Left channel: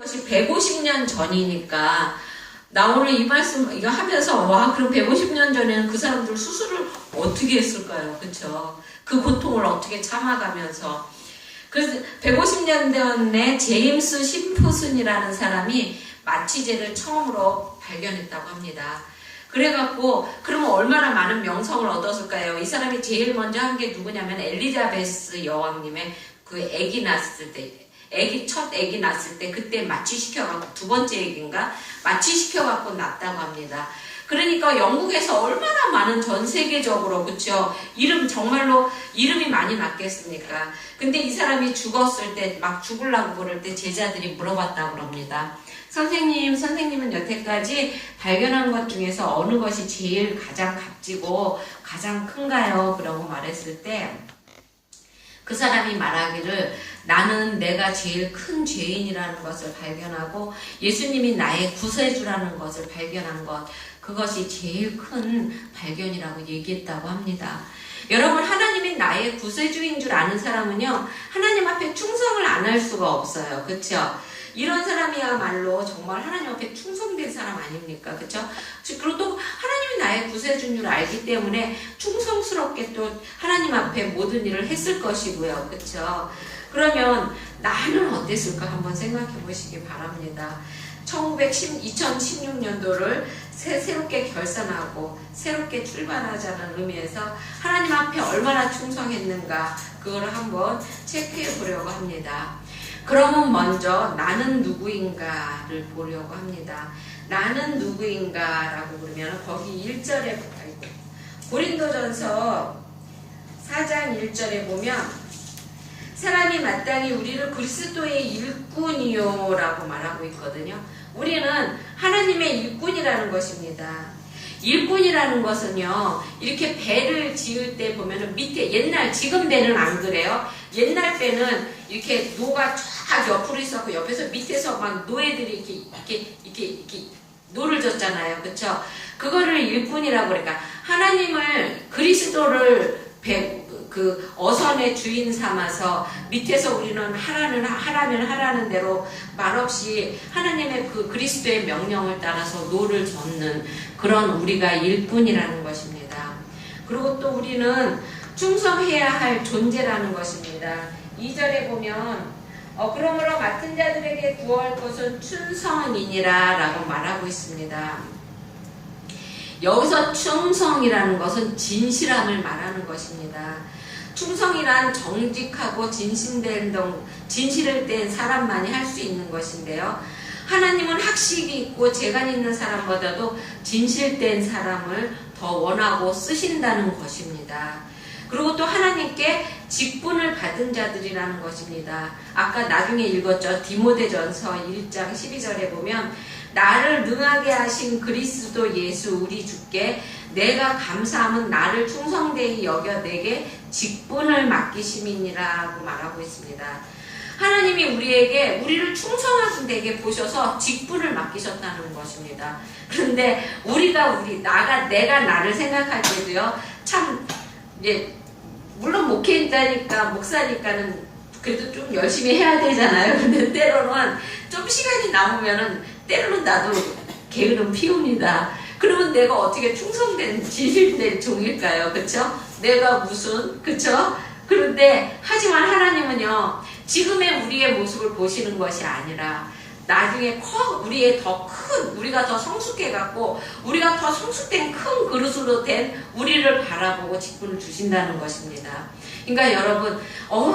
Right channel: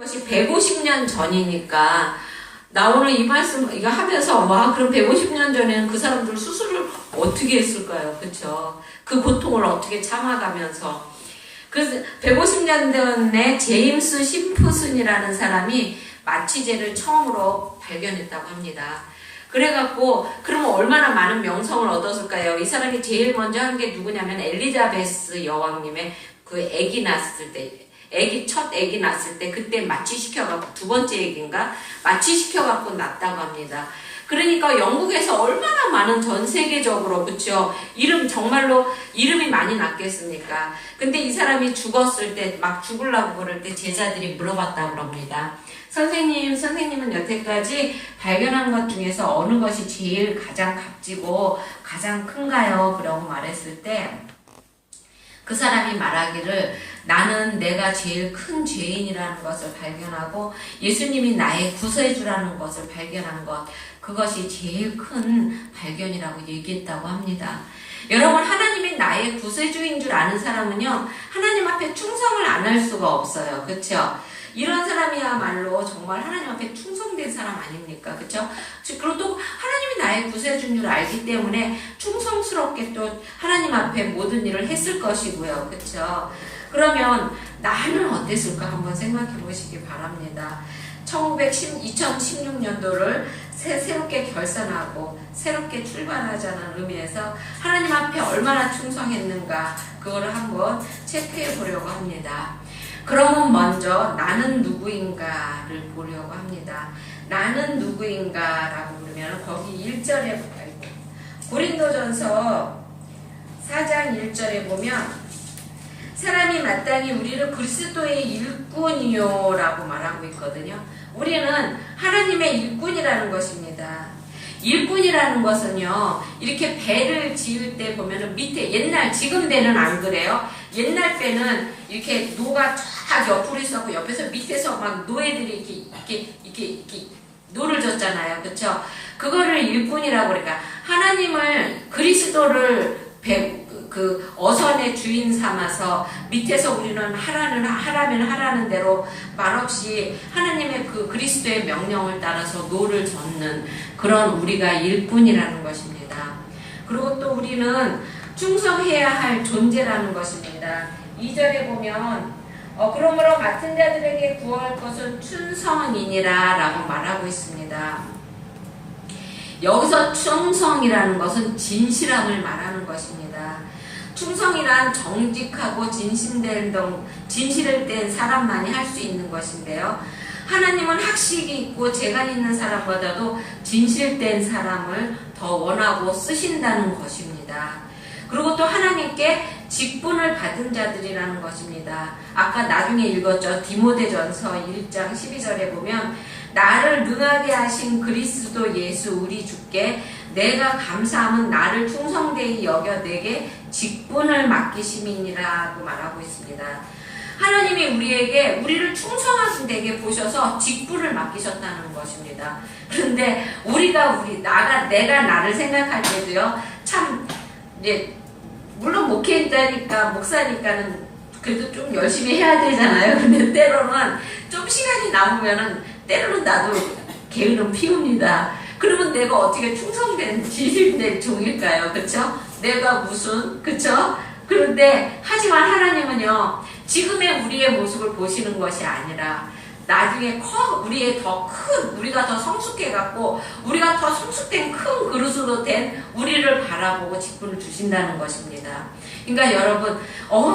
것이 150년 전이니까 나 오늘 이 말씀 이거 하면서 와 그럼 150년 전에는 그 사람들 수술을 어떻게 했을까요? 그렇죠? 그 고통을 어떻게 참아가면서 그래서 150년 전에 제임스 심프슨이라는 사람이 마취제를 처음으로 발견했다고 합니다. 그래갖고 그러면 얼마나 많은 명성을 얻었을까요? 이 사람이 제일 먼저 한 게 누구냐면 엘리자베스 여왕님의 그 아기 낳았을 때 첫 아기 낳았을 때 그때 마취시켜갖고 두 번째 아기인가 마취시켜갖고 낳았다고 합니다. 그러니까 영국에서 얼마나 많은 전 세계적으로 그쵸 정말로 이름이 많이 났겠습니까? 근데 이 사람이 죽었을 때 막 죽으려고 그럴 때 제자들이 물어봤다고 합니다. 선생님은 여태까지 발견한 것 중에서 어느 것이 제일 가장 값지고 가장 큰가요? 그러고 말했을 때 그 사람이 말하기를 나는 내가 제일 큰 죄인이라는 것을 발견하고 예수님이 나의 구세주라는 것을 발견한 것 그것이 제일 큰 발견이라고 얘기했다고 합니다. 여러분 하나님이 나의 구세주인 줄 아는 사람은요 하나님 앞에 충성을 안 할 수가 없어요. 그렇죠? 이런 사람이야말로 정말 하나님 앞에 충성된 사람 아닙니까? 그렇죠? 그리고 또 하나님이 나의 구세주인 줄 알기 때문에 충성스럽게 또 하나님 앞에 모든 일을 했을 것이고요. 그렇죠? 그러면 나는 어땠을까 한번 생각해 보시기 바랍니다. 2016년도를 새롭게 결산하고 새롭게 출발하자는 의미에서 하나님 앞에 얼마나 충성했는가 그거를 한번 체크해 보려고 합니다. 그러면 먼저 나는 누구인가를 보려고 합니다. 나는 누구인가라고 그러면 거기 1절에 고린도전서 4장 1절에 보면 사람이 마땅히 우리를 그리스도의 일꾼이요 라고 말하고 있거든요. 우리는 하나님의 일꾼이라는 것입니다. 일꾼이라는 것은요 이렇게 배를 지을 때 보면은 밑에 지금 배는 안 그래요. 옛날 배는 이렇게 노가 쫙 옆으로 있었고 옆에서 밑에서 막 노예들이 이렇게 노를 졌잖아요. 그쵸? 그거를 일꾼이라고 그러니까 하나님을 그리스도를 그 어선의 주인 삼아서 밑에서 우리는 하라면 하라는 대로 말없이 하나님의 그 그리스도의 명령을 따라서 노를 젓는 그런 우리가 일꾼이라는 것입니다. 그리고 또 우리는 충성해야 할 존재라는 것입니다. 2절에 보면 그러므로 맡은 자들에게 구할 것은 충성이니라 라고 말하고 있습니다. 여기서 충성이라는 것은 진실함을 말하는 것입니다. 충성이란 정직하고 진실을 뗀 사람만이 할 수 있는 것인데요. 하나님은 학식이 있고 재간 있는 사람보다도 진실된 사람을 더 원하고 쓰신다는 것입니다. 그리고 또 하나님께 직분을 받은 자들이라는 것입니다. 아까 나중에 읽었죠. 디모데전서 1장 12절에 보면 나를 능하게 하신 그리스도 예수 우리 주께 내가 감사함은 나를 충성되이 여겨 내게 직분을 맡기심이니라고 말하고 있습니다. 하나님이 우리를 충성하게 보셔서 직분을 맡기셨다는 것입니다. 그런데 내가 나를 생각할 때도요, 참, 물론 목사니까는 그래도 좀 열심히 해야 되잖아요. 근데 때로는 좀 시간이 남으면은 때로는 나도 게으름 피웁니다. 그러면 내가 어떻게 충성된 진실된 종일까요? 그쵸? 내가 그쵸? 그런데 하지만 하나님은요 지금의 우리의 모습을 보시는 것이 아니라 나중에 우리가 더 성숙해갖고 우리가 더 성숙된 큰 그릇으로 된 우리를 바라보고 직분을 주신다는 것입니다. 그러니까 여러분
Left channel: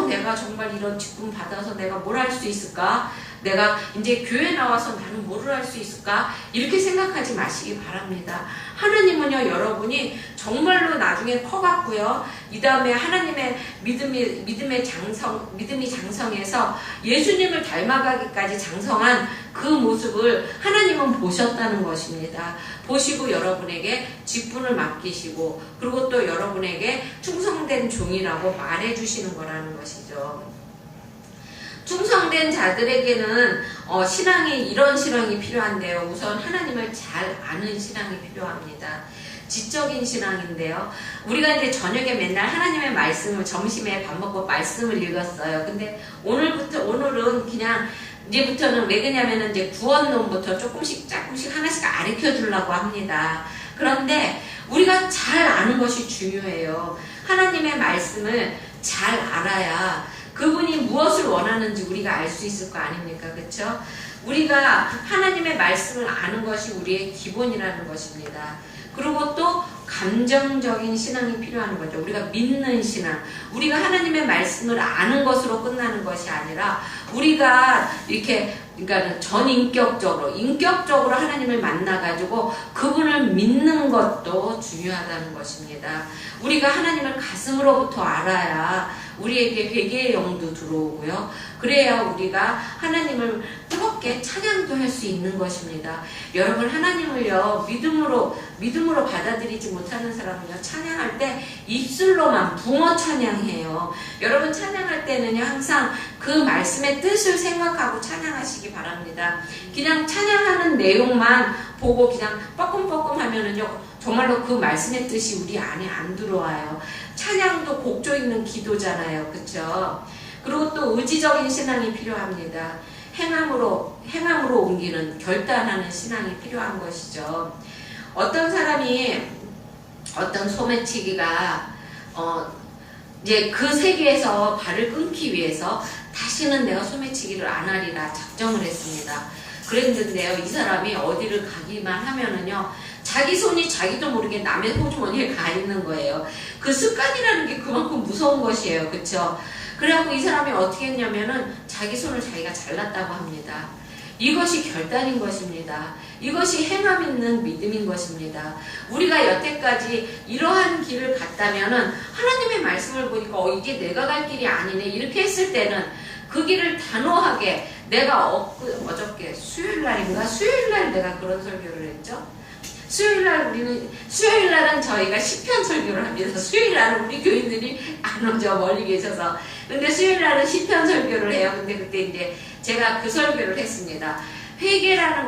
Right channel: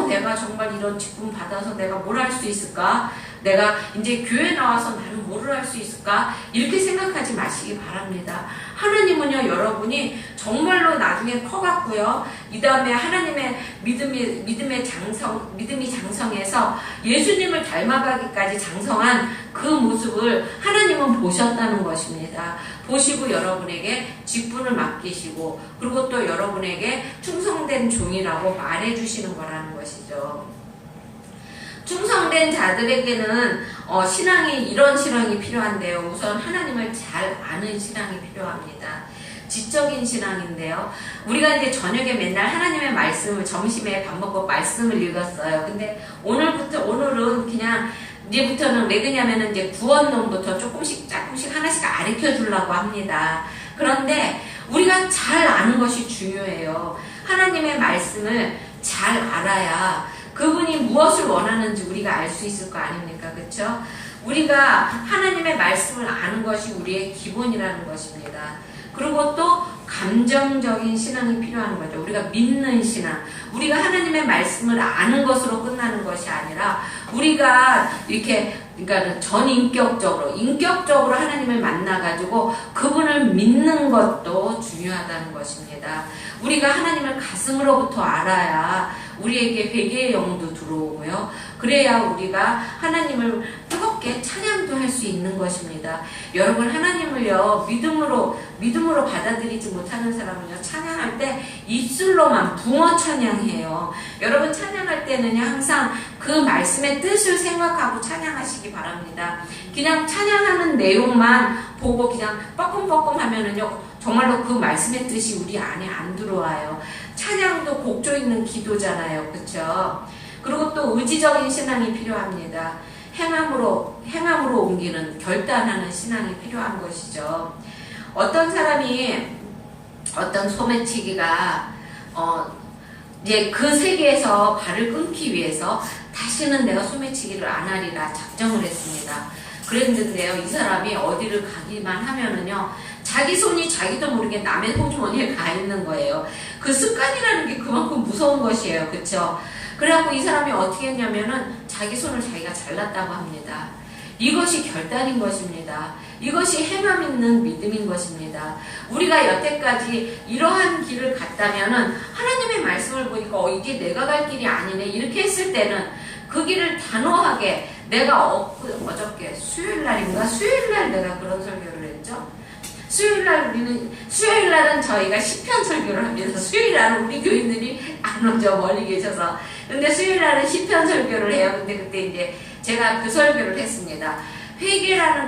내가 정말 이런 직분 받아서 내가 뭘 할 수 있을까? 내가 이제 교회 나와서 나는 뭐를 할 수 있을까? 이렇게 생각하지 마시기 바랍니다. 하나님은요 여러분이 정말로 나중에 커갖고요 이 다음에 하나님의 믿음이 장성해서 예수님을 닮아가기까지 장성한 그 모습을 하나님은 보셨다는 것입니다. 보시고 여러분에게 직분을 맡기시고 그리고 또 여러분에게 충성된 종이라고 말해주시는 거라는 것이죠. 충성된 자들에게는 이런 신앙이 필요한데요. 우선 하나님을 잘 아는 신앙이 필요합니다. 지적인 신앙인데요. 우리가 이제 저녁에 맨날 하나님의 말씀을 점심에 밥 먹고 말씀을 읽었어요. 근데 오늘은 그냥 이제부터는 왜 그러냐면은 이제 구원론부터 조금씩 하나씩 가르쳐 주려고 합니다. 그런데 우리가 잘 아는 것이 중요해요. 하나님의 말씀을 잘 알아야 그분이 무엇을 원하는지 우리가 알 수 있을 거 아닙니까? 그렇죠? 우리가 하나님의 말씀을 아는 것이 우리의 기본이라는 것입니다. 그리고 또 감정적인 신앙이 필요한 거죠. 우리가 믿는 신앙. 우리가 하나님의 말씀을 아는 것으로 끝나는 것이 아니라 우리가 이렇게 그러니까 인격적으로 하나님을 만나가지고 그분을 믿는 것도 중요하다는 것입니다. 우리가 하나님을 가슴으로부터 알아야 우리에게 회개의 영도 들어오고요. 그래야 우리가 하나님을 뜨겁게 찬양도 할 수 있는 것입니다. 여러분, 하나님을요, 믿음으로 받아들이지 못하는 사람은요, 찬양할 때 입술로만 붕어 찬양해요. 여러분, 찬양할 때는요, 항상 그 말씀의 뜻을 생각하고 찬양하시기 바랍니다. 그냥 찬양하는 내용만 보고 그냥 뻐끔뻐끔 하면은요, 정말로 그 말씀의 뜻이 우리 안에 안 들어와요. 찬양도 곡조 있는 기도잖아요. 그쵸? 그리고 또 의지적인 신앙이 필요합니다. 행함으로 옮기는, 결단하는 신앙이 필요한 것이죠. 어떤 사람이, 어떤 소매치기가, 이제 그 세계에서 발을 끊기 위해서 다시는 내가 소매치기를 안 하리라 작정을 했습니다. 그랬는데요, 이 사람이 어디를 가기만 하면은요, 자기 손이 자기도 모르게 남의 호주머니에 가 있는 거예요. 그 습관이라는 게 그만큼 무서운 것이에요. 그쵸? 그래갖고 이 사람이 어떻게 했냐면은 자기 손을 자기가 잘랐다고 합니다. 이것이 결단인 것입니다. 이것이 행함 있는 믿음인 것입니다. 우리가 여태까지 이러한 길을 갔다면은 하나님의 말씀을 보니까 이게 내가 갈 길이 아니네 이렇게 했을 때는 그 길을 단호하게 내가 어저께 수요일날 내가 그런 설교를 했죠. 수요일날은 저희가 시편 설교를 합니다. 수요일날은 우리 교인들이 안 오죠. 멀리 계셔서. 근데 수요일날은 시편 설교를 해요. 근데 그때 이제 제가 그 설교를 했습니다. 회개라는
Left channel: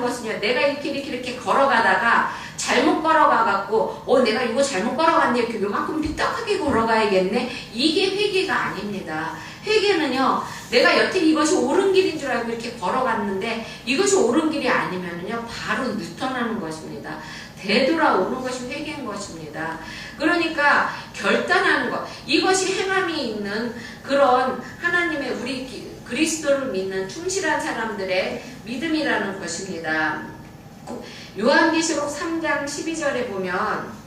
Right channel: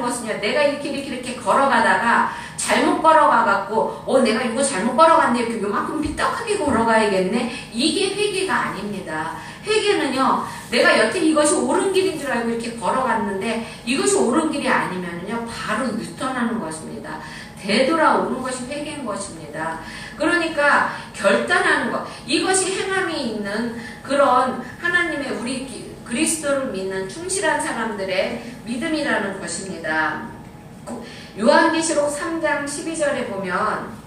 것은요, 내가 이렇게 걸어가다가 잘못 걸어가갖고, 내가 이거 잘못 걸어갔네. 이렇게 요만큼 삐딱하게 걸어가야겠네. 이게 회개가 아닙니다. 회개는요, 내가 여태 이것이 옳은 길인 줄 알고 이렇게 걸어갔는데 이것이 옳은 길이 아니면요, 바로 유턴하는 것입니다. 되돌아오는 것이 회개인 것입니다. 그러니까 결단하는 것, 이것이 행함이 있는 그런 하나님의 우리 그리스도를 믿는 충실한 사람들의 믿음이라는 것입니다. 요한계시록 3장 12절에 보면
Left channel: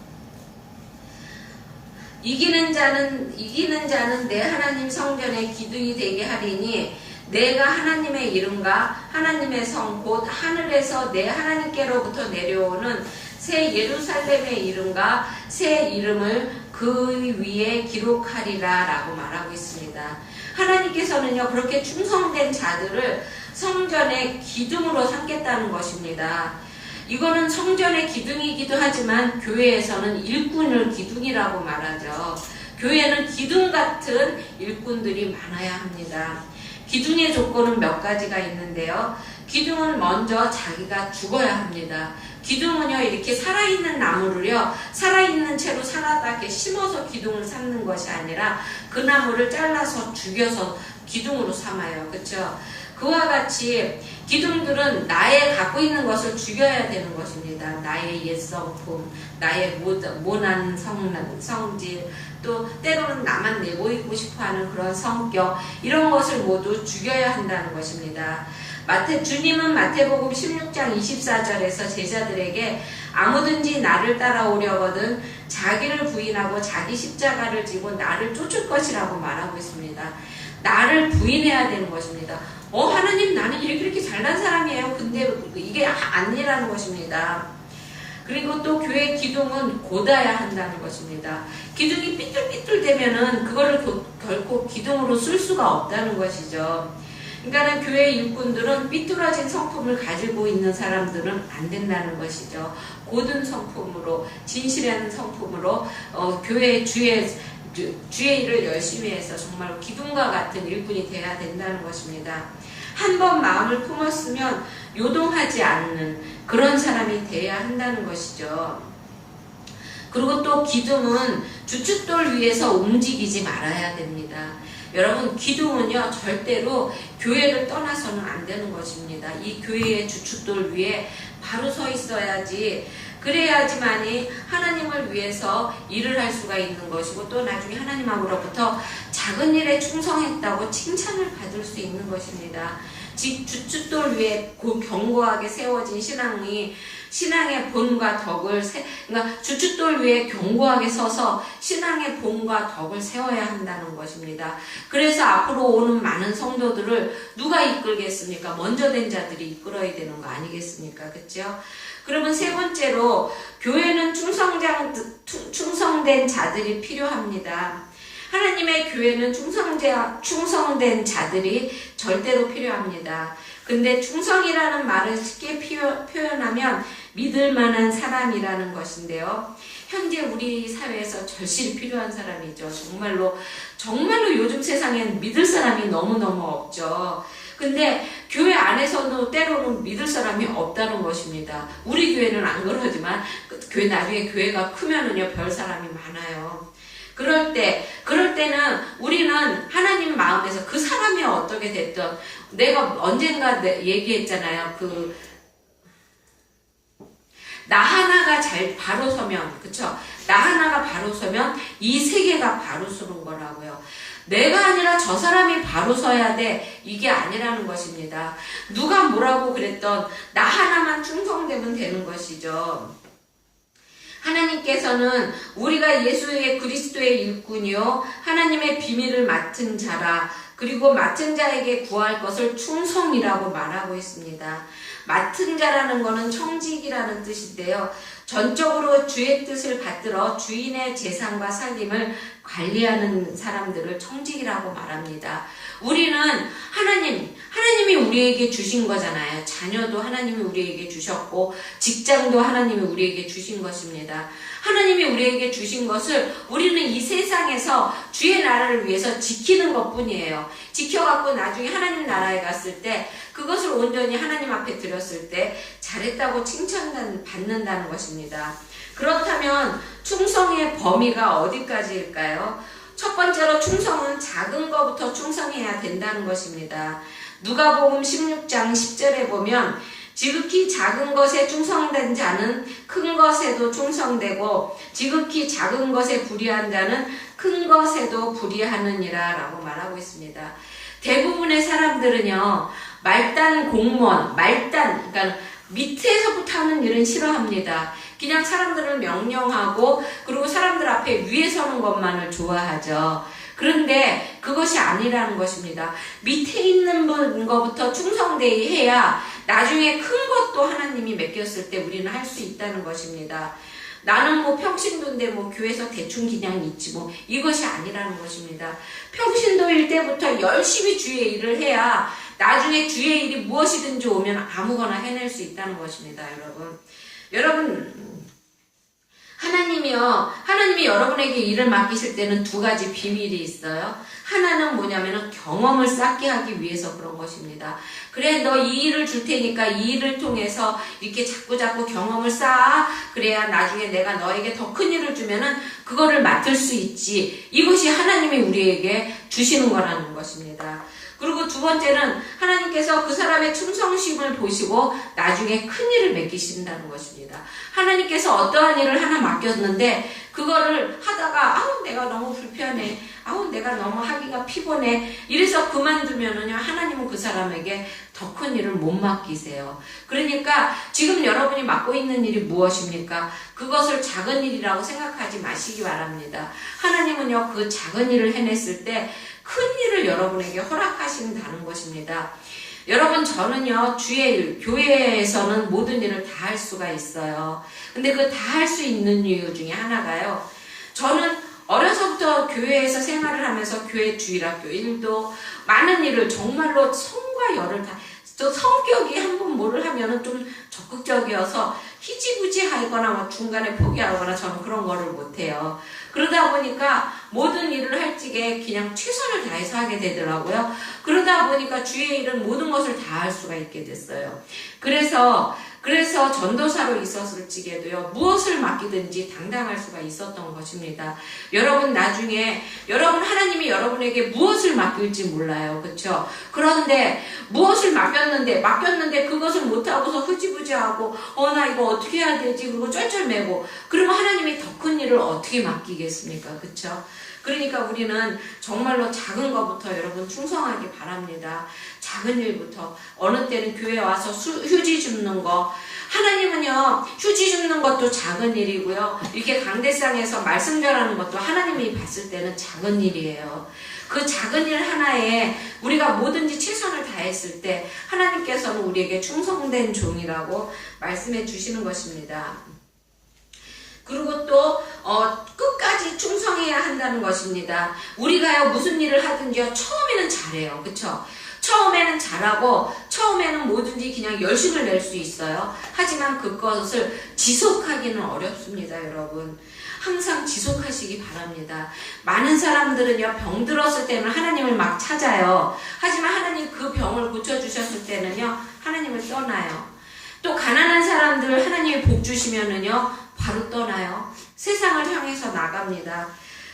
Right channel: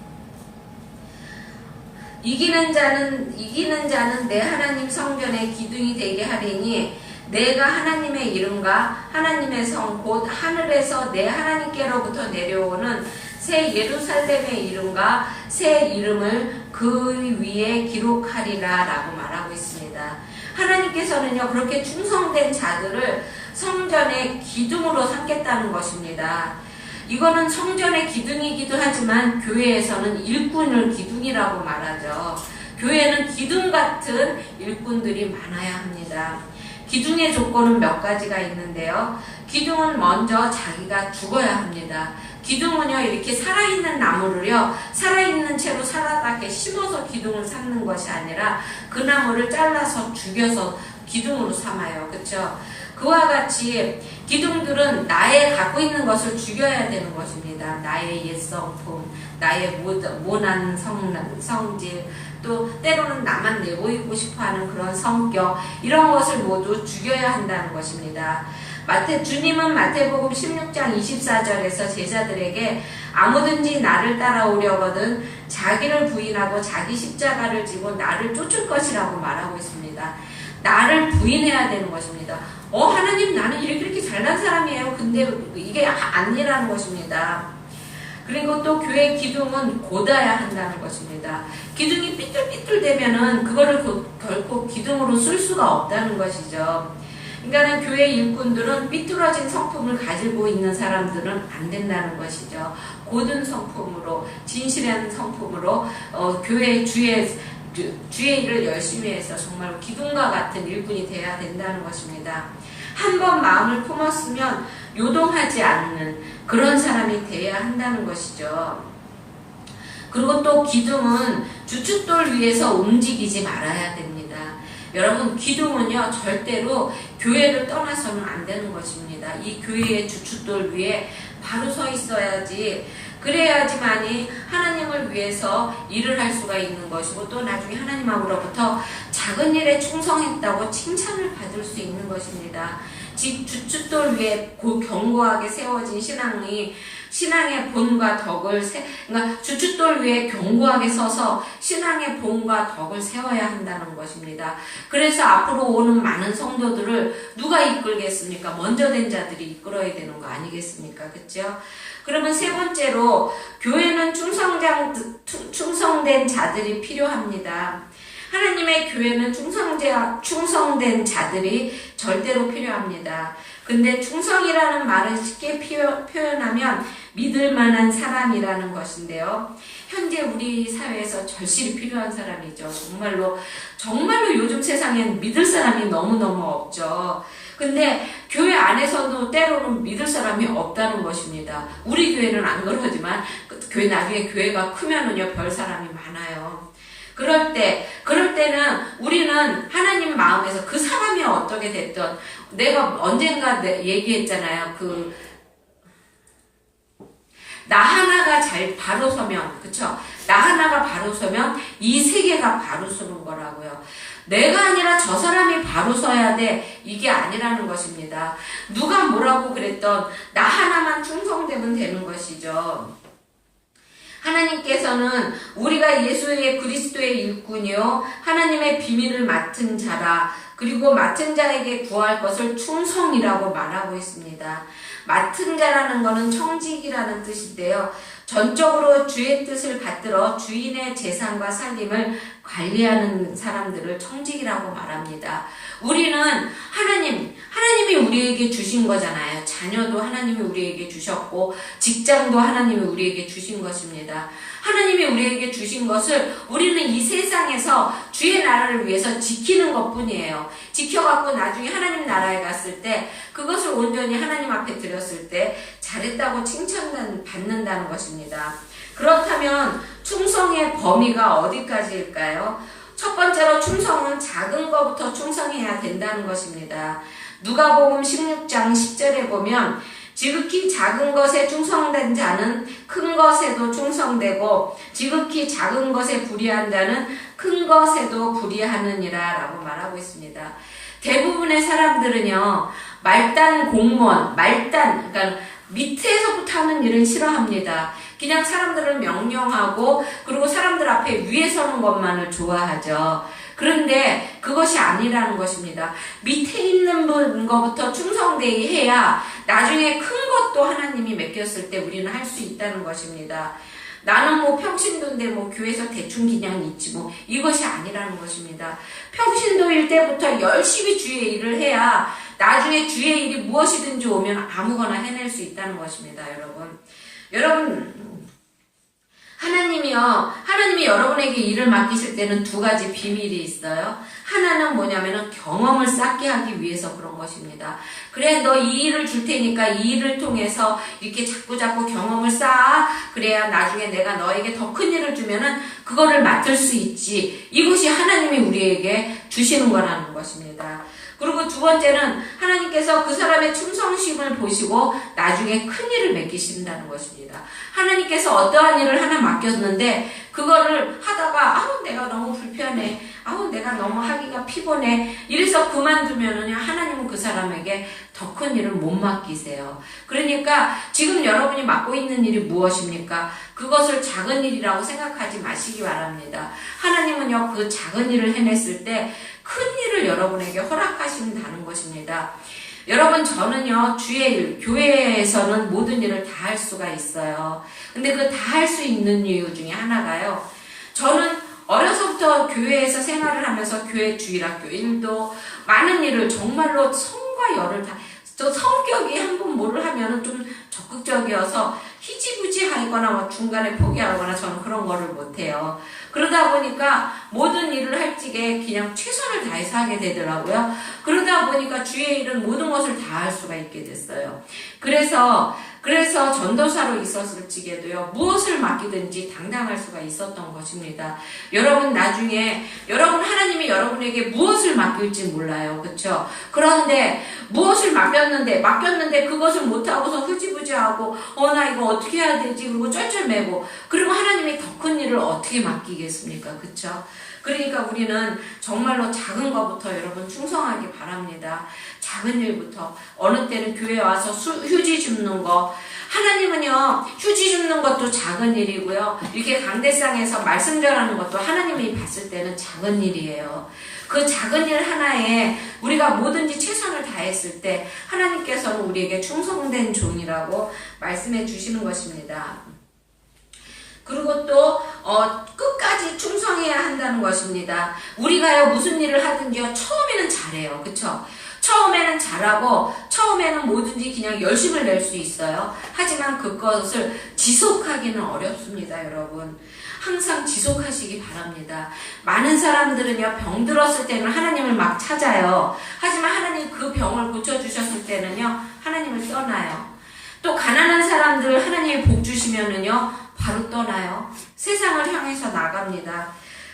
이기는 자는 내 하나님 성전의 기둥이 되게 하리니 내가 하나님의 이름과 하나님의 성 곧 하늘에서 내 하나님께로부터 내려오는 새 예루살렘의 이름과 새 이름을 그 위에 기록하리라 라고 말하고 있습니다. 하나님께서는요, 그렇게 충성된 자들을 성전의 기둥으로 삼겠다는 것입니다. 이거는 성전의 기둥이기도 하지만 교회에서는 일꾼을 기둥이라고 말하죠. 교회는 기둥 같은 일꾼들이 많아야 합니다. 기둥의 조건은 몇 가지가 있는데요. 기둥은 먼저 자기가 죽어야 합니다. 기둥은요, 이렇게 살아있는 나무를요, 살아있는 채로 살아나게 심어서 기둥을 삼는 것이 아니라 그 나무를 잘라서 죽여서 기둥으로 삼아요. 그쵸? 그와 같이 기둥들은 나의 갖고 있는 것을 죽여야 되는 것입니다. 나의 옛성품, 나의 모난 성질, 또 때로는 나만 내보이고 싶어하는 그런 성격, 이런 것을 모두 죽여야 한다는 것입니다. 주님은 마태복음 16장 24절에서 제자들에게 아무든지 나를 따라오려거든 자기를 부인하고 자기 십자가를 지고 나를 쫓을 것이라고 말하고 있습니다. 나를 부인해야 되는 것입니다. 하나님, 나는 이렇게 잘난 사람이에요. 근데 이게 아니라는 것입니다. 그리고 또 교회 기둥은 곧아야 한다는 것입니다. 기둥이 삐뚤삐뚤 되면은 그거를 결코 기둥으로 쓸 수가 없다는 것이죠. 그러니까 교회 일꾼들은 삐뚤어진 성품을 가지고 있는 사람들은 안 된다는 것이죠. 고든 성품으로, 진실한 성품으로 교회 주의 일을 열심히 해서 정말 기둥과 같은 일꾼이 되어야 된다는 것입니다. 한 번 마음을 품었으면 요동하지 않는 그런 사람이 되어야 한다는 것이죠. 그리고 또 기둥은 주춧돌 위에서 움직이지 말아야 됩니다. 여러분, 기둥은요, 절대로 교회를 떠나서는 안 되는 것입니다. 이 교회의 주춧돌 위에 바로 서 있어야지, 그래야지만이 하나님을 위해서 일을 할 수가 있는 것이고, 또 나중에 하나님으로부터 작은 일에 충성했다고 칭찬을 받을 수 있는 것입니다. 즉, 주춧돌 위에 견고하게 세워진 신앙의 본과 덕을 그러니까 주춧돌 위에 견고하게 서서 신앙의 본과 덕을 세워야 한다는 것입니다. 그래서 앞으로 오는 많은 성도들을 누가 이끌겠습니까? 먼저 된 자들이 이끌어야 되는 거 아니겠습니까? 그렇죠? 그러면 세 번째로, 교회는 충성된 자들이 필요합니다. 하나님의 교회는 충성된 자들이 절대로 필요합니다. 근데 충성이라는 말을 쉽게 표현하면 믿을 만한 사람이라는 것인데요. 현재 우리 사회에서 절실히 필요한 사람이죠. 정말로 요즘 세상엔 믿을 사람이 너무너무 없죠. 근데 교회 안에서도 때로는 믿을 사람이 없다는 것입니다. 우리 교회는 안 그러지만 나중에 교회가 크면은요, 별 사람이 많아요. 그럴 때는 우리는 하나님 마음에서 그 사람이 어떻게 됐든, 내가 언젠가 얘기했잖아요. 나 하나가 바로 서면, 그쵸? 나 하나가 바로 서면 이 세계가 바로 서는 거라고요. 내가 아니라 저 사람이 바로 서야 돼, 이게 아니라는 것입니다. 누가 뭐라고 그랬던 나 하나만 충성되면 되는 것이죠. 하나님께서는 우리가 예수의 그리스도의 일꾼이요 하나님의 비밀을 맡은 자라, 그리고 맡은 자에게 구할 것을 충성이라고 말하고 있습니다. 맡은 자라는 것은 청직이라는 뜻인데요. 전적으로 주의 뜻을 받들어 주인의 재산과 살림을 관리하는 사람들을 청직이라고 말합니다. 우리는 하나님이 우리에게 주신 거잖아요. 자녀도 하나님이 우리에게 주셨고, 직장도 하나님이 우리에게 주신 것입니다. 하나님이 우리에게 주신 것을 우리는 이 세상에서 주의 나라를 위해서 지키는 것 뿐이에요. 지켜갖고 나중에 하나님 나라에 갔을 때 그것을 온전히 하나님 앞에 드렸을 때 잘했다고 칭찬받는다는 것입니다. 그렇다면 충성의 범위가 어디까지일까요? 첫 번째로, 충성은 작은 것부터 충성해야 된다는 것입니다. 누가복음 16장 10절에 보면, 지극히 작은 것에 충성된 자는 큰 것에도 충성되고, 지극히 작은 것에 불의한 자는 큰 것에도 불의하느니라 라고 말하고 있습니다. 대부분의 사람들은요, 말단 공무원, 그러니까 밑에서부터 하는 일은 싫어합니다. 그냥 사람들을 명령하고, 그리고 사람들 앞에 위에 서는 것만을 좋아하죠. 그런데 그것이 아니라는 것입니다. 밑에 있는 것부터 충성되게 해야 나중에 큰 것도 하나님이 맡겼을 때 우리는 할 수 있다는 것입니다. 나는 평신도인데 교회에서 대충 그냥 있지 이것이 아니라는 것입니다. 평신도일 때부터 열심히 주의 일을 해야 나중에 주의 일이 무엇이든지 오면 아무거나 해낼 수 있다는 것입니다. 여러분, 하나님이 여러분에게 일을 맡기실 때는 두 가지 비밀이 있어요. 하나는 뭐냐면은 경험을 쌓게 하기 위해서 그런 것입니다. 그래, 너 이 일을 줄 테니까 이 일을 통해서 이렇게 자꾸 경험을 쌓아. 그래야 나중에 내가 너에게 더 큰 일을 주면은 그거를 맡을 수 있지. 이것이 하나님이 우리에게 주시는 거라는 것입니다. 그리고 두 번째는 하나님께서 그 사람의 충성심을 보시고 나중에 큰 일을 맡기신다는 것입니다. 하나님께서 어떠한 일을 하나 맡겼는데 그거를 하다가 내가 너무 불편해, 내가 너무 하기가 피곤해, 이래서 그만두면은요, 하나님은 그 사람에게 더 큰 일을 못 맡기세요. 그러니까 지금 여러분이 맡고 있는 일이 무엇입니까? 그것을 작은 일이라고 생각하지 마시기 바랍니다. 하나님은요, 그 작은 일을 해냈을 때 큰 일을 여러분에게 허락하신다는 것입니다. 여러분, 저는요, 주의 일, 교회에서는 모든 일을 다 할 수가 있어요. 근데 그 다 할 수 있는 이유 중에 하나가요, 저는 어려서부터 교회에서 생활을 하면서 교회 주일학교 일도 많은 일을 정말로 성과 열을 저 성격이 한번 뭐를 하면은 좀 적극적이어서 희지부지 하거나 중간에 포기하거나 저는 그런 거를 못해요. 그러다 보니까 모든 일을 할 적에 그냥 최선을 다해서 하게 되더라고요. 그러다 보니까 주의 일은 모든 것을 다 할 수가 있게 됐어요. 그래서 그래서 전도사로 있었을지라도요, 무엇을 맡기든지 당당할 수가 있었던 것입니다. 여러분 나중에 하나님이 여러분에게 무엇을 맡길지 몰라요. 그렇죠? 그런데 무엇을 맡겼는데 그것을 못하고서 흐지부지하고 나 이거 어떻게 해야 되지? 그리고 쩔쩔매고 그러면 하나님이 더 큰 일을 어떻게 맡기겠습니까? 그렇죠? 그러니까 우리는 정말로 작은 것부터 여러분 충성하기 바랍니다. 작은 일부터. 어느 때는 교회 와서 휴지 줍는 거. 하나님은요, 휴지 줍는 것도 작은 일이고요. 이렇게 강대상에서 말씀 전하는 것도 하나님이 봤을 때는 작은 일이에요. 그 작은 일 하나에 우리가 뭐든지 최선을 다했을 때 하나님께서는 우리에게 충성된 종이라고 말씀해 주시는 것입니다. 그리고 또 끝까지 충성해야 한다는 것입니다. 우리가요 무슨 일을 하든지요 처음에는 잘해요. 그쵸? 처음에는 잘하고 처음에는 뭐든지 그냥 열심을 낼 수 있어요. 하지만 그것을 지속하기는 어렵습니다. 여러분 항상 지속하시기 바랍니다. 많은 사람들은요 병들었을 때는 하나님을 막 찾아요. 하지만 하나님 그 병을 고쳐주셨을 때는요 하나님을 떠나요. 또 가난한 사람들 하나님이 복 주시면은요 바로 떠나요. 세상을 향해서 나갑니다.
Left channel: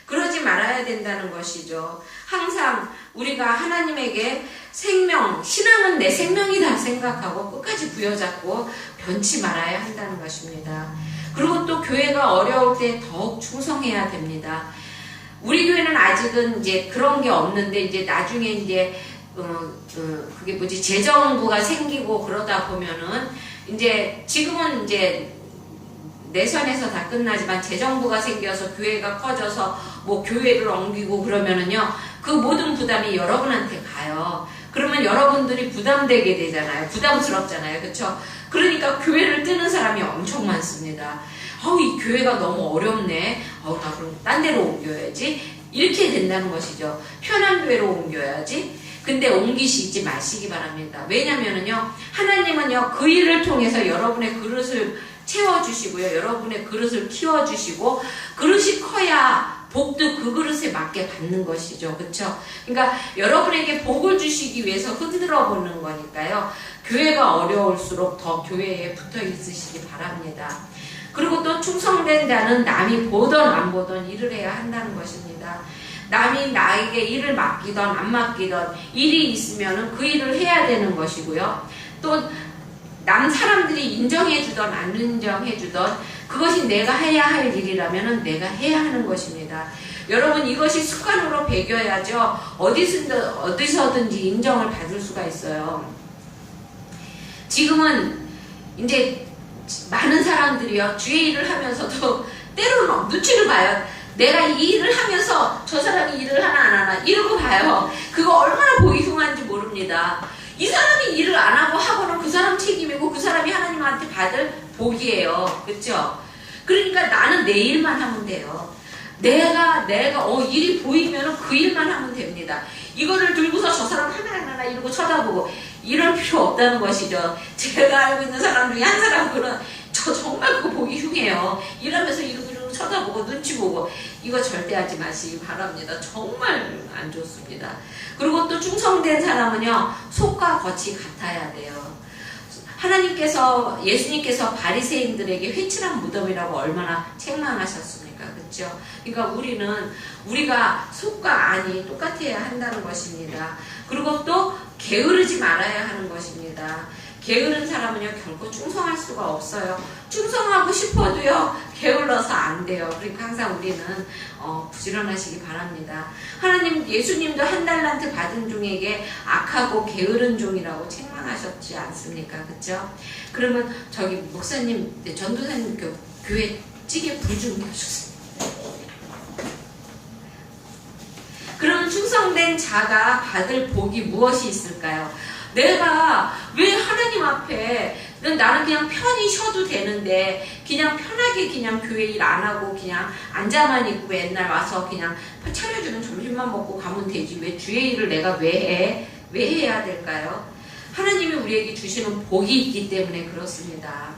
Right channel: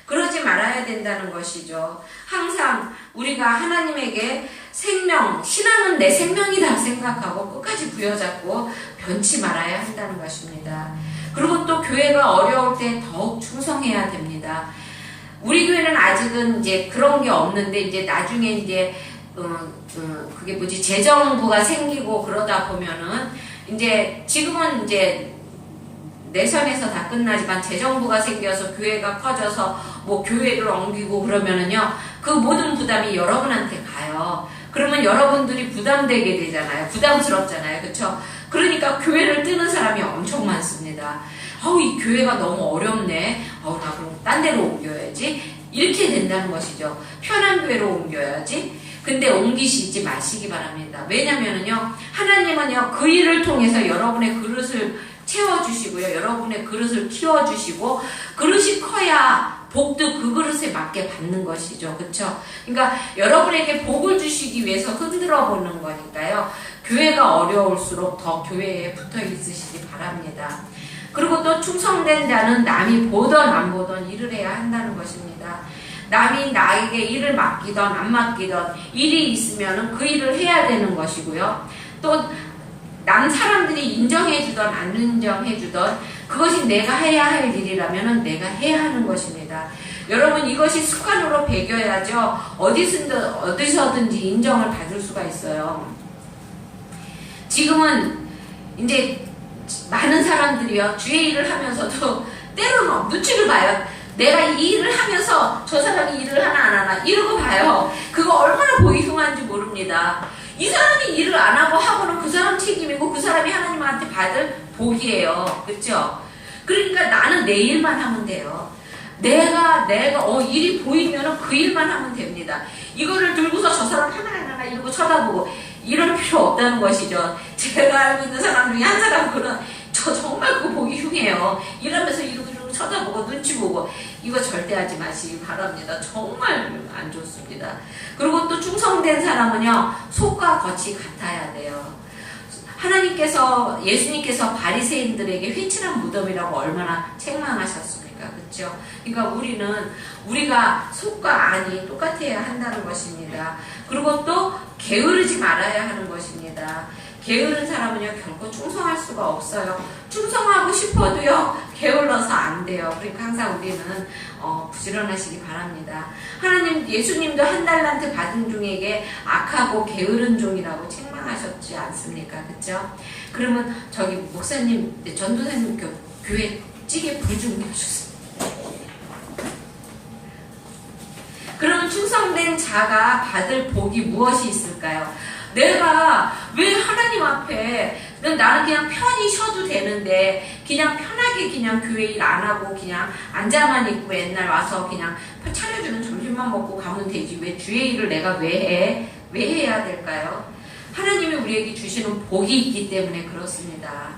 그러지 말아야 된다는 것이죠. 항상 우리가 하나님에게 신앙은 내 생명이다 생각하고 끝까지 부여잡고 변치 말아야 한다는 것입니다. 그리고 또 교회가 어려울 때 더욱 충성해야 됩니다. 우리 교회는 아직은 이제 그런 게 없는데 이제 나중에 이제 그게 뭐지 재정부가 생기고 그러다 보면은 이제 지금은 이제 내선에서 다 끝나지만 재정부가 생겨서 교회가 커져서 뭐 교회를 옮기고 그러면은요 그 모든 부담이 여러분한테 가요. 그러면 여러분들이 부담되게 되잖아요. 부담스럽잖아요. 그렇죠? 그러니까 교회를 뜨는 사람이 엄청 많습니다. 이 교회가 너무 어렵네. 나 그럼 딴 데로 옮겨야지. 이렇게 된다는 것이죠. 편한 교회로 옮겨야지. 근데 옮기시지 마시기 바랍니다. 왜냐면은요 하나님은요 그 일을 통해서 여러분의 그릇을 채워주시고요. 여러분의 그릇을 키워주시고 그릇이 커야 복도 그 그릇에 맞게 받는 것이죠. 그렇죠? 그러니까 여러분에게 복을 주시기 위해서 흔들어 보는 거니까요. 교회가 어려울수록 더 교회에 붙어 있으시기 바랍니다. 그리고 또 충성된다는 남이 보던 안 보던 일을 해야 한다는 것입니다. 남이 나에게 일을 맡기던 안 맡기던 일이 있으면 그 일을 해야 되는 것이고요. 또 남 사람들이 인정해주던 안 인정해주던 그것이 내가 해야 할 일이라면 내가 해야 하는 것입니다. 여러분 이것이 습관으로 배겨야죠. 어디서든지 인정을 받을 수가 있어요. 지금은 이제 많은 사람들이요 주의 일을 하면서도 때로는 눈치를 봐요. 내가 이 일을 하면서 저 사람이 일을 하나 안 하나 이러고 봐요. 그거 얼마나 보기 흉한지 모릅니다. 이 사람이 일을 안 하고는 그 사람 책임이고 그 사람이 하나님한테 받을 복이에요. 그렇죠? 그러니까 나는 내 일만 하면 돼요. 내가 일이 보이면 그 일만 하면 됩니다. 이거를 들고서 저 사람 하나 이러고 쳐다보고 이럴 필요 없다는 것이죠. 제가 알고 있는 사람 중에 한 사람은 저 정말 그거 보기 흉해요. 이러면서 이러고 쳐다보고 눈치 보고 이거 절대 하지 마시기 바랍니다. 정말 안 좋습니다. 그리고 또 충성된 사람은요 속과 겉이 같아야 돼요. 예수님께서 바리새인들에게 회칠한 무덤이라고 얼마나 책망하셨습니까? 그렇죠? 그러니까 우리가 속과 안이 똑같아야 한다는 것입니다. 그리고 또 게으르지 말아야 하는 것입니다. 게으른 사람은요 결코 충성할 수가 없어요. 충성하고 싶어도요 게을러서 안 돼요. 그러니까 항상 우리는 부지런하시기 바랍니다. 예수님도 한 달란트 받은 종에게 악하고 게으른 종이라고 책망하셨지 않습니까? 그렇죠? 그러면 저기 목사님, 전도사님 교회 찌개 불 좀 해주세요. 그럼 충성된 자가 받을 복이 무엇이 있을까요? 내가 왜 하나님 앞에 나는 그냥 편히 쉬어도 되는데 그냥 편하게 그냥 교회 일 안 하고 그냥 앉아만 있고 맨날 와서 그냥 차려주는 점심만 먹고 가면 되지 왜 주의 일을 내가 왜 해야 될까요? 하나님이 우리에게 주시는 복이 있기 때문에 그렇습니다.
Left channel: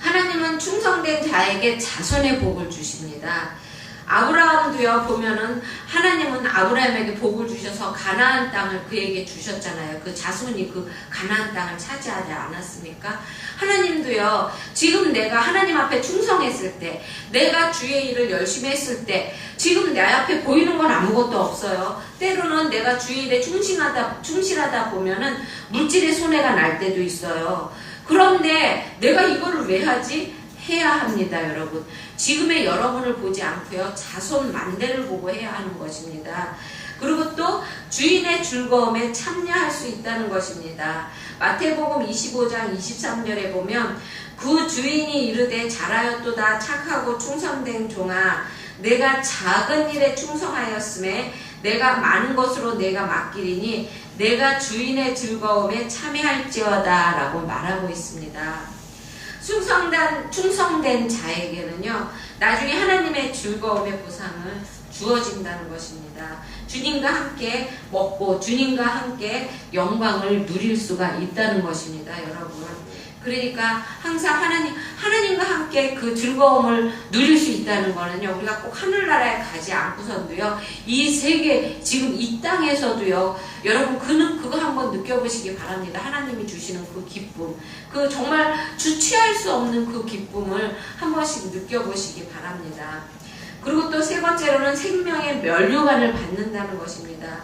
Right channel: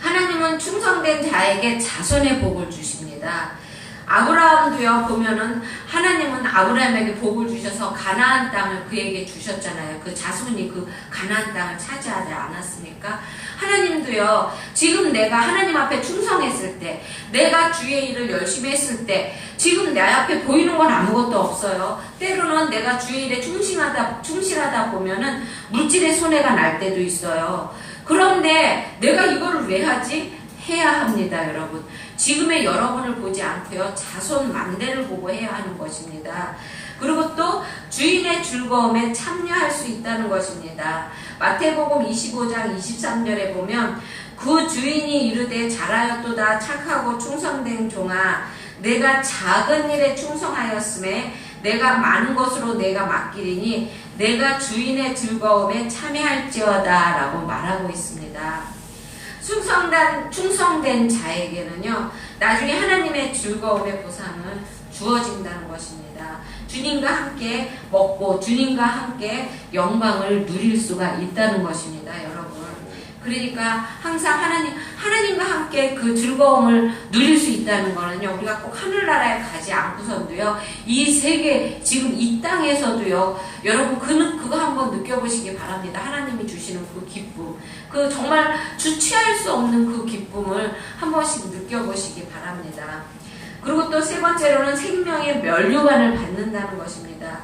하나님은 충성된 자에게 자손의 복을 주십니다. 아브라함도요 보면은 하나님은 아브라함에게 복을 주셔서 가나안 땅을 그에게 주셨잖아요. 그 자손이 그 가나안 땅을 차지하지 않았습니까? 하나님도요 지금 내가 하나님 앞에 충성했을 때, 내가 주의 일을 열심히 했을 때, 지금 내 앞에 보이는 건 아무것도 없어요. 때로는 내가 주의 일에 충실하다 보면은 물질의 손해가 날 때도 있어요. 그런데 내가 이거를 왜 하지? 해야 합니다, 여러분. 지금의 여러분을 보지 않고요, 자손 만대를 보고 해야 하는 것입니다. 그리고 또 주인의 즐거움에 참여할 수 있다는 것입니다. 마태복음 25장 23절에 보면 그 주인이 이르되 잘하였도다 착하고 충성된 종아, 내가 작은 일에 충성하였음에 내가 많은 것으로 내가 맡기리니 내가 주인의 즐거움에 참여할지어다 라고 말하고 있습니다. 충성된 자에게는요, 나중에 하나님의 즐거움의 보상을 주어진다는 것입니다. 주님과 함께 먹고 주님과 함께 영광을 누릴 수가 있다는 것입니다, 여러분. 그러니까 항상 하나님과 함께 그 즐거움을 누릴 수 있다는 거는요, 우리가 꼭 하늘나라에 가지 않고선도요, 이 세계, 지금 이 땅에서도요, 여러분, 그거 한번 느껴보시기 바랍니다. 하나님이 주시는 그 기쁨, 그 정말 주체할 수 없는 그 기쁨을 한 번씩 느껴보시기 바랍니다. 그리고 또 세 번째로는 생명의 면류관을 받는다는 것입니다.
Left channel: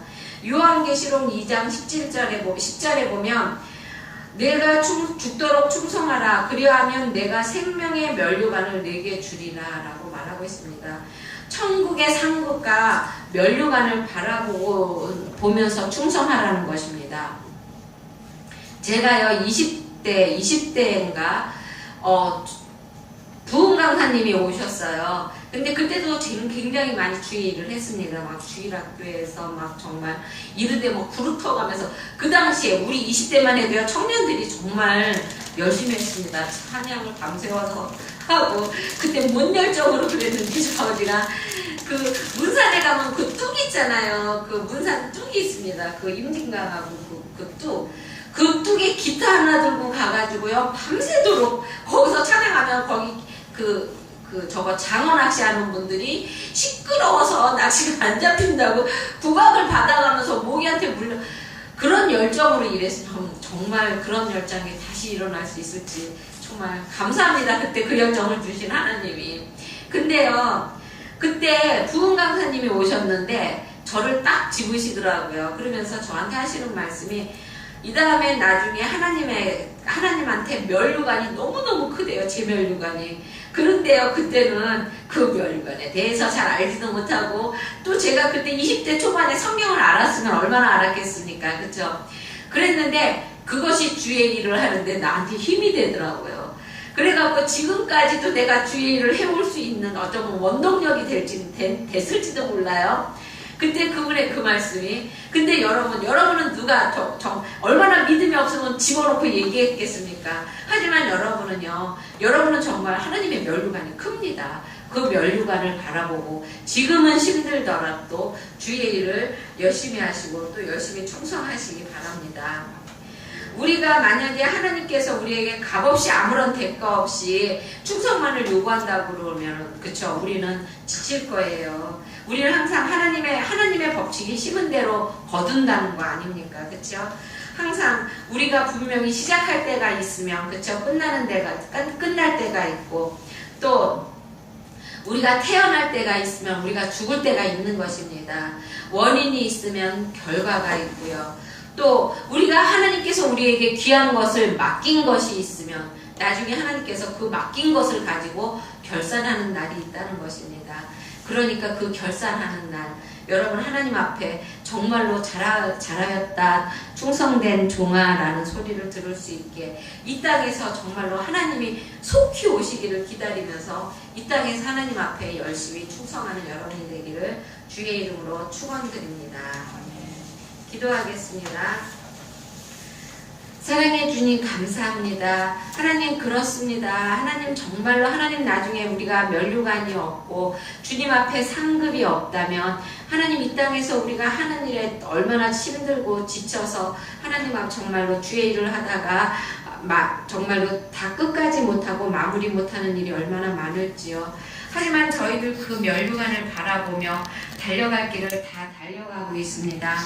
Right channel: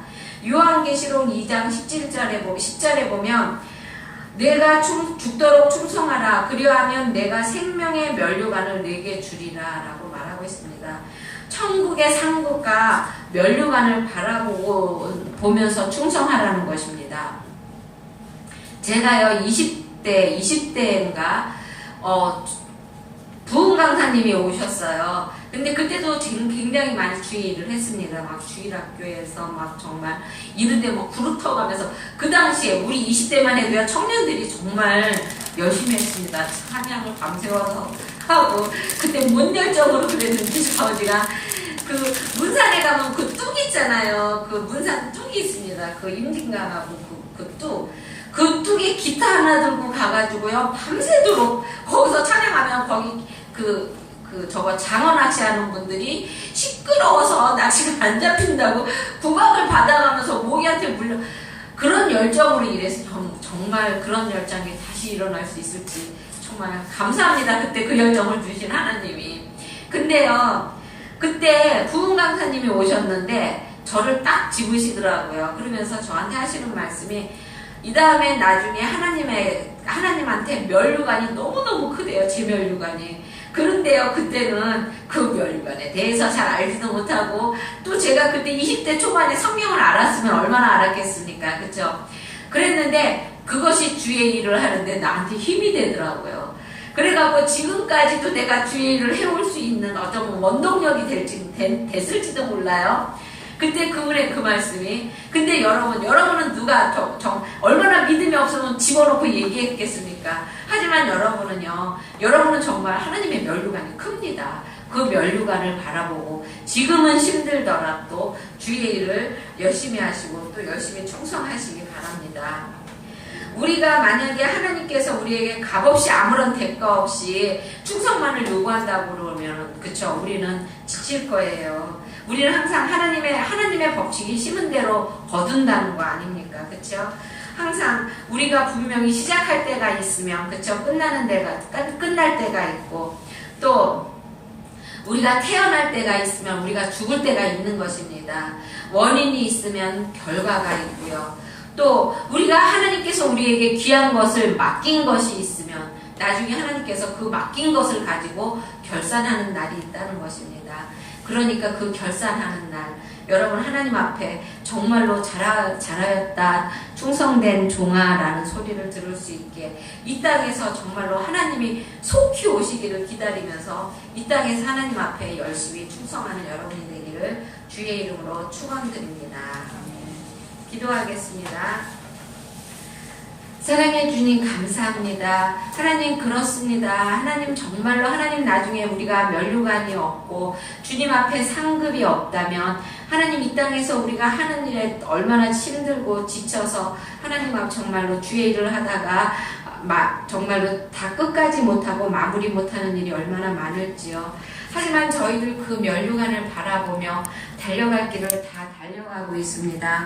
요한계시록 2장 10절에 보면 내가 죽도록 충성하라. 그리하면 내가 생명의 면류관을 내게 주리라 라고 말하고 있습니다. 천국의 상급과 면류관을 보면서 충성하라는 것입니다. 제가요 20대인가 부흥 강사님이 오셨어요. 근데 그때도 지금 굉장히 많이 주의를 했습니다. 막 주일학교에서 막 정말 이른데 막 구르터가면서, 그 당시에 우리 20대만 해도요, 청년들이 정말 열심히 했습니다. 찬양을 밤새워서 하고, 그때 뭔 열정으로 그랬는지 아버지가 그 문산에 가면 그 뚝 있잖아요. 그 문산 뚝이 있습니다. 그 임진강하고 그 뚝에 기타 하나 들고 가가지고요, 밤새도록 거기서 찬양하면 거기 저거 장어 낚시하는 분들이 시끄러워서 낚시가 안 잡힌다고 구박을 받아가면서 모기한테 물려, 그런 열정으로 일해서 정말 그런 열정이 다시 일어날 수 있을지 정말 감사합니다. 그때 그 열정을 주신 하나님이. 근데요, 그때 부흥 강사님이 오셨는데 저를 딱 집으시더라고요. 그러면서 저한테 하시는 말씀이, 이 다음에 나중에 하나님한테 면류관이 너무너무 크대요. 제 면류관이. 그런데요, 그때는 그 면류관에 대해서 잘 알지도 못하고, 또 제가 그때 20대 초반에 성경을 알았으면 얼마나 알았겠습니까? 그쵸? 그랬는데 그것이 주의 일을 하는데 나한테 힘이 되더라고요. 그래갖고 지금까지도 내가 주의 일을 해올 수 있는 어떤 원동력이 됐을지도 몰라요. 그때 그 말씀이. 근데 여러분은 누가 얼마나 믿음이 없으면 집어넣고 얘기했겠습니까? 하지만 여러분은 정말 하나님의 면류관이 큽니다. 그 면류관을 바라보고 지금은 힘들더라도 주의 일을 열심히 하시고 또 열심히 충성하시기 바랍니다. 우리가 만약에 하나님께서 우리에게 값없이 아무런 대가 없이 충성만을 요구한다고 그러면, 그쵸, 우리는 지칠 거예요. 우리는 항상 하나님의 법칙이 심은 대로 거둔다는 거 아닙니까? 그쵸? 항상 우리가 분명히 시작할 때가 있으면, 그쵸, 끝날 때가 있고, 또 우리가 태어날 때가 있으면 우리가 죽을 때가 있는 것입니다. 원인이 있으면 결과가 있고요. 또 우리가 하나님께서 우리에게 귀한 것을 맡긴 것이 있으면 나중에 하나님께서 그 맡긴 것을 가지고 결산하는 날이 있다는 것입니다. 그러니까 그 결산하는 날, 여러분 하나님 앞에 정말로 잘하였다, 충성된 종아라는 소리를 들을 수 있게, 이 땅에서 정말로 하나님이 속히 오시기를 기다리면서 이 땅에서 하나님 앞에 열심히 충성하는 여러분이 되기를 주의 이름으로 축원드립니다. 기도하겠습니다. 사랑의 주님 감사합니다. 하나님 그렇습니다. 하나님 정말로 하나님 나중에 우리가 면류관이 없고 주님 앞에 상급이 없다면 하나님 이 땅에서 우리가 하는 일에 얼마나 힘들고 지쳐서 하나님 앞 정말로 주의 일을 하다가 정말로 다 끝까지 못하고 마무리 못하는 일이 얼마나 많을지요. 하지만 저희들 그 면류관을 바라보며 달려갈 길을 다 달려가고 있습니다.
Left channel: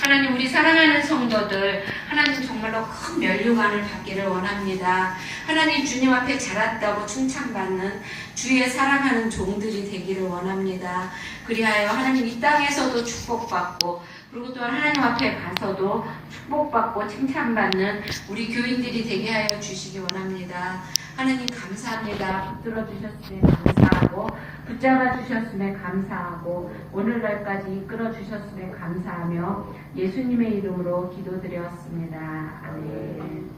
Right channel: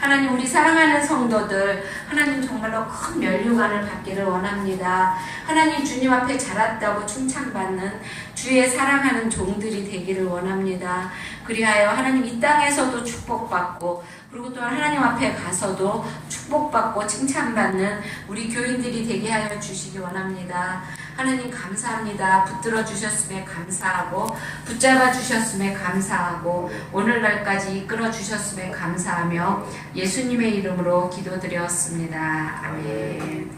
하나님, 우리 사랑하는 성도들, 하나님 정말로 큰 면류관을 받기를 원합니다. 하나님, 주님 앞에 자랐다고 칭찬받는 주의 사랑하는 종들이 되기를 원합니다. 그리하여 하나님 이 땅에서도 축복받고, 그리고 또한 하나님 앞에 가서도 축복받고 칭찬받는 우리 교인들이 되게 하여 주시기 원합니다. 하나님 감사합니다. 붙들어 주셨음에 감사하고, 붙잡아 주셨음에 감사하고, 오늘날까지 이끌어 주셨음에 감사하며 예수님의 이름으로 기도드렸습니다. 아멘.